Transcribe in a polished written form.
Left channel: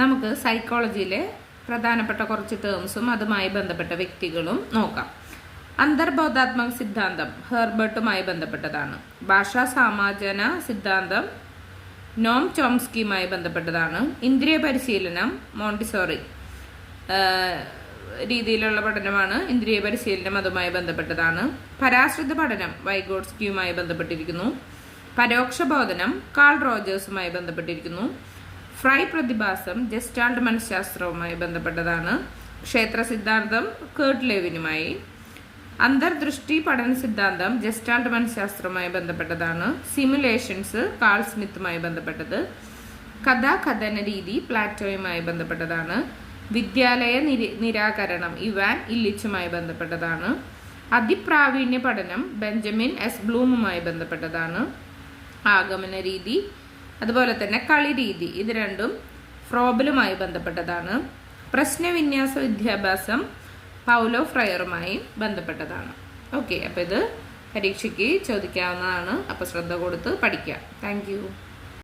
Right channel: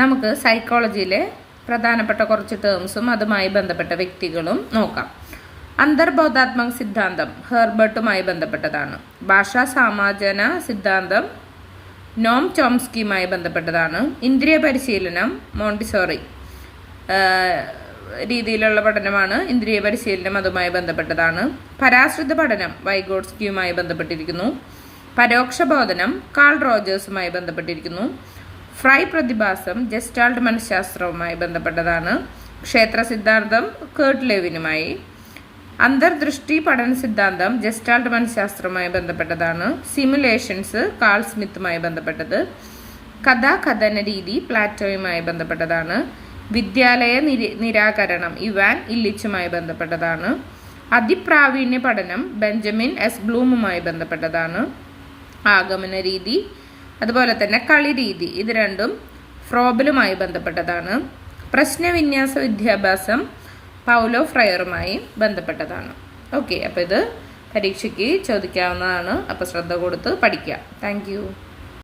നമുക്ക് സൈക്കോളജിയിലെ പ്രധാനപ്പെട്ട കുറച്ച് ടേംസും അതുമായി ബന്ധപ്പെട്ട വ്യക്തികളും നോക്കാം. അന്തർബോധാത്മക സിദ്ധാന്തം ഹെർബർട്ടുമായി ബന്ധപ്പെട്ടതാണ്. ഭാഷാ സമാജന സിദ്ധാന്തം നോം ചോംസ്കിയുമായി ബന്ധപ്പെട്ടതാണ്. ഇന്ദ്രിയ പരിശീലനം മോണ്ടിസോറി രീതിയിലുള്ള പഠനമാണ്. ഇന്ദ്രിയ പരിശീലനം അതുമായി ബന്ധപ്പെട്ടതാണ്. പരാശ്രിത പഠനം വൈഗോട്സ്കിയുമായി ബന്ധപ്പെട്ടിരിക്കുന്നു. പരോക്ഷ ബോധനം കാൾ റോജേഴ്സുമായി ബന്ധപ്പെട്ടിരിക്കുന്നു. ഫ്രൈ പ്രതിഭാസം ജസ്റ്റാൾട്ട് മനഃശാസ്ത്രവുമായി ബന്ധപ്പെട്ടതാണ്. ക്ഷേത്ര സിദ്ധാന്തം കേർട്ട് ലെവിനുമായി. അന്തർദൃഷ്ടി പഠന സിദ്ധാന്തം ജസ്റ്റാൾട്ട് മനഃശാസ്ത്രവുമായി ബന്ധപ്പെട്ടതാണ്. സിമുലേഷൻസ് കാൾ സ്മിത്തുമായി ബന്ധപ്പെട്ടത്. കഥാകഥന രീതി പ്ലാറ്റോയുമായി ബന്ധപ്പെട്ടതാണ്. വിദ്യാലയ നിരാകരണം ഇവാൻ ഇല്ലിച്ചുമായി ബന്ധപ്പെട്ടതാണ്. അതിപ്രാവീണ്യ പഠനം ബെഞ്ചമിൻ എസ് ബ്ലൂമുമായി ബന്ധപ്പെട്ടതാണ്. ആഗമന രീതി അതുപോലെ തന്നെ കളി രീതി ഇത് രണ്ടും ഫ്രോബലുമായി ബന്ധപ്പെട്ടതാണ്. പ്രശ്നവിന്യാസ വിദ്യാഭ്യാസം പൗലോ ഫ്രയറുമായി ബന്ധപ്പെട്ടതാണ്. ഓക്കെ, അപ്പോൾ ഇത് പരീക്ഷയ്ക്ക് ചോദിക്കാവുന്നതാണ്. അപ്പോൾ ശ്രദ്ധ കൊടുത്ത് പഠിക്കുക. താങ്ക്